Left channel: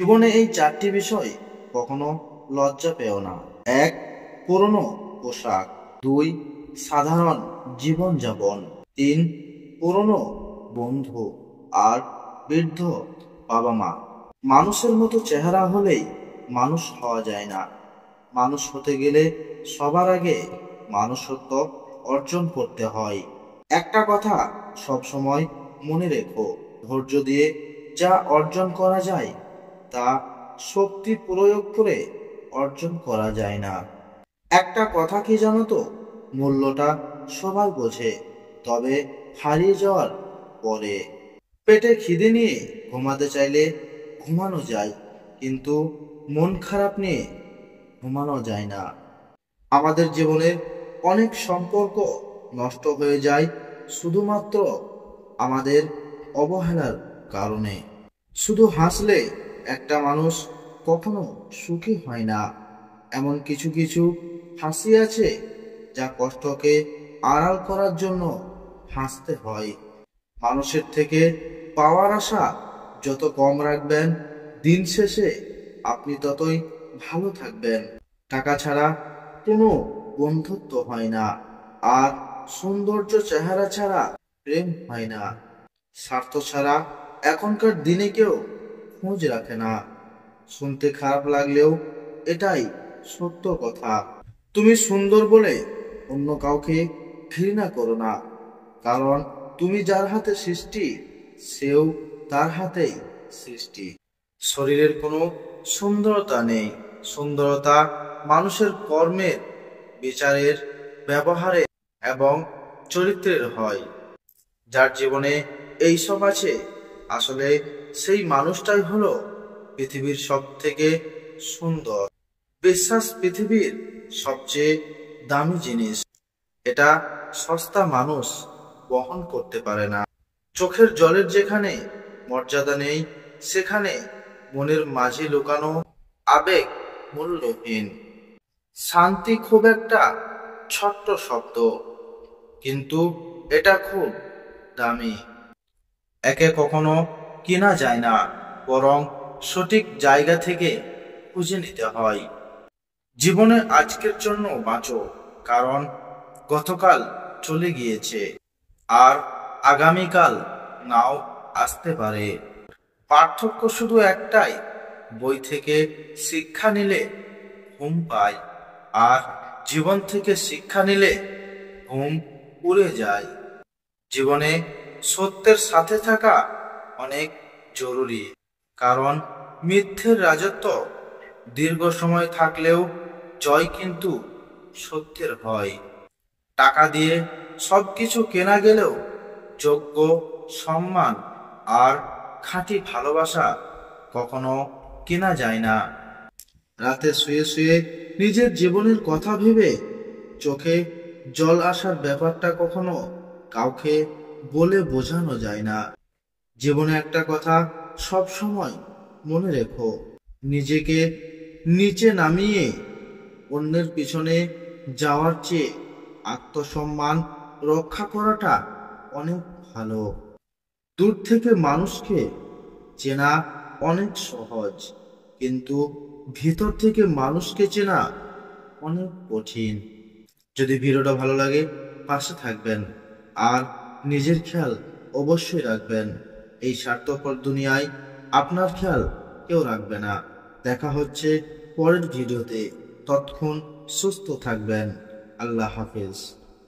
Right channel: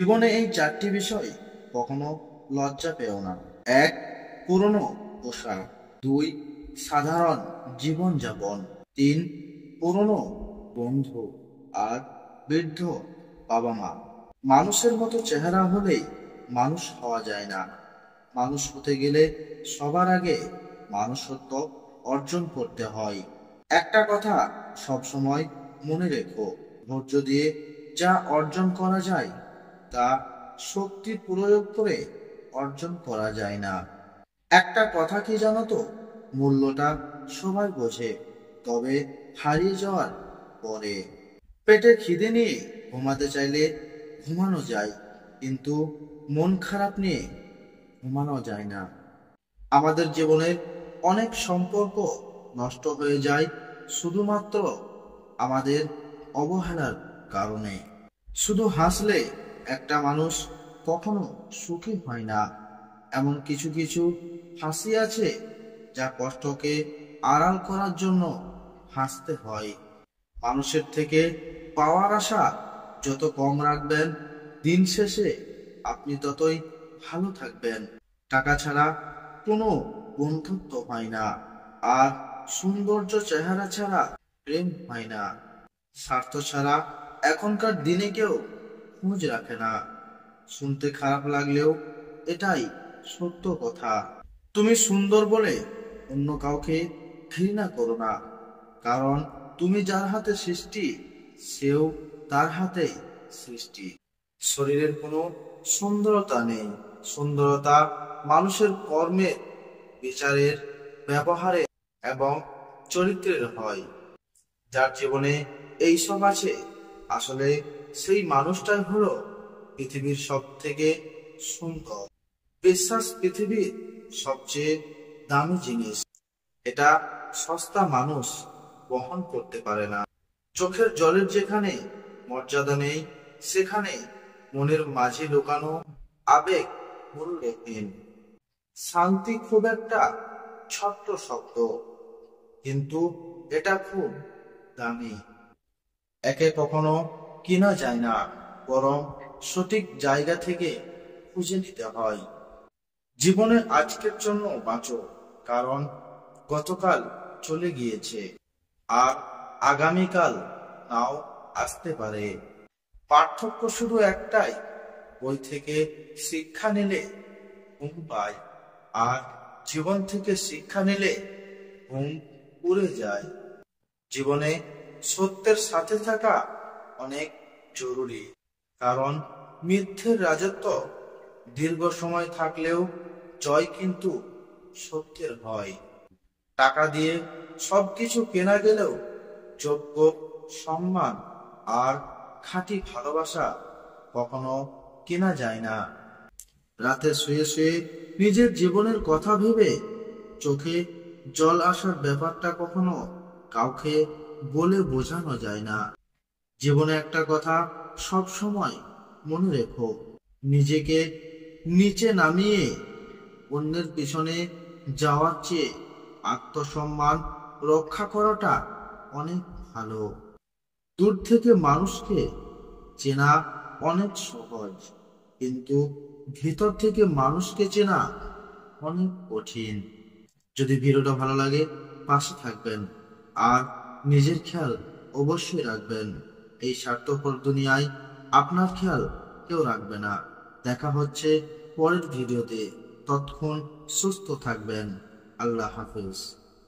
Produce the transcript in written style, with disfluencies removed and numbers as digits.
জীবনে এই চারটি বিষয় কখনো লজ্জা পেও না। এক, পুরনো পোশাক। দুই, সাধারণ জীবনযাপন। তিন, পুরনো বন্ধু। আর বৃদ্ধ বাবা মা। মানুষের মতো চেহারা হলেই মানুষ হওয়া যায় না। মানুষ হতে গেলে সবার আগে মানুষত্ব অর্জন করতে হয়। একটা কথা সবসময় মনে রেখো, ধৈর্য দিয়ে যা অর্জন করা যায় তা শক্তি প্রয়োগ করে অর্জন করা যায় না। একটা কথা কি জানো তো, মূল্যটা সবাই বোঝে, তবে হারিয়ে যাওয়ার পরে। পেটে খিদে নিয়ে ঘুমাতে চাইলে ঘুমানো যায়, কিন্তু মন খারাপ নিয়ে ঘুমানো যায় না। আমাদের জীবনের অনেক সম্পর্ক নষ্ট হয়ে যায় শুধুমাত্র আমাদের অবহেলার কারণে। শুধু হাসলে একটা মানুষ কখনো সুখী হয় না। এমন কিছু কিছু হাসি আছে যা কষ্টকে আড়াল করার জন্য হাসতে হয়। মানুষের থেকে পাওয়ার আশা যত কম রাখবেন, দিন শেষে আপনি ততই ভালো থাকবেন। টাকা ছাড়া কোনো বন্ধুত্ব হয় না, আর সৌন্দর্য চেহারা ছাড়া প্রেম হয় না। স্বার্থ ছাড়া এখনকার দিনে কেউ খোঁজ রাখে না। শুনতে খারাপ লাগলেও এটাই সত্য কথা। তুমি সুন্দর বলে অন্য কাউকে ঘৃণা করো না, কারণ তুমি যার হাতে সৃষ্টি সেও তার হাতেই সৃষ্টি। শরীরের কোনো সুন্দরতা নেই, সুন্দরতা মানুষের কর্মের, বিচারের, ব্যবহারে এবং চরিত্রের হয়। যার জীবনে এইসব আছে, আসলে সেই মানুষটাই হলো পৃথিবীর সব থেকে সুন্দর। বিশ্বাস পৃথিবীর সবচেয়ে দামি জিনিস, এটা সস্তা মানুষ বহন করতে পারে না। চোখের জলের যেখানে মর্যাদা নেই, সেখানে মনের মাঝে লুকানো আবেগ মূল্যহীন। শান্তি খুব একটা ছোট্ট শব্দ, কিন্তু এটা খুব দামি। একে কখনো কেনা যায় না, বরং সঠিক জায়গা থেকে খুঁজে নিতে হয়। জীবনে আজকের জন্য বাঁচো, কারণ গতকাল চলে গিয়েছে, আর আগামীকাল নাও আসতে পারে। পার্থক্য শুধু একটাই, বই থেকে শিক্ষা নিলে ঘুম পায়, আর জীবন থেকে শিক্ষা নিলে ঘুম উড়ে যায়। জীবনে সত্যের সাথে থাকা অনেক জরুরি, কারণ মিথ্যের রাজত্ব দীর্ঘ সময় থাকলেও জয় কিন্তু সত্যের হয়। টাকা দিয়ে সবকিছু কেনা গেলেও যোগ্য, সম্মান আর খাঁটি ভালোবাসা কখনো কেনা যায় না। রাতে শুয়ে শুয়ে নিজের জীবনের কথা ভেবে চোখে জল আসার ব্যাপারটা কখনো কাউকে বলে বোঝানো যায় না। জীবনে একটা কথা সব সময় মনে রেখো, নিজেকে নিচে নামিয়ে অন্যের পিছনে যাওয়ার চেয়ে আত্মসম্মান রক্ষা করাটা অনেক ভালো। দূর থেকে মানুষকে চেনা অনেক সহজ, কিন্তু ভিতর থেকে মানুষকে চেনা অনেক কঠিন। যদি ভিডিওটা ভালো লাগে পাশে থাকবেন, আর নিজের খেয়াল অবশ্যই রাখবেন। এই স্বার্থপর দুনিয়ায় আপনার খেয়াল কেউ রাখবে না। দেখা হচ্ছে পরের ভিডিওতে, ততক্ষণ সুস্থ থাকবেন। আল্লাহ হাফেজ।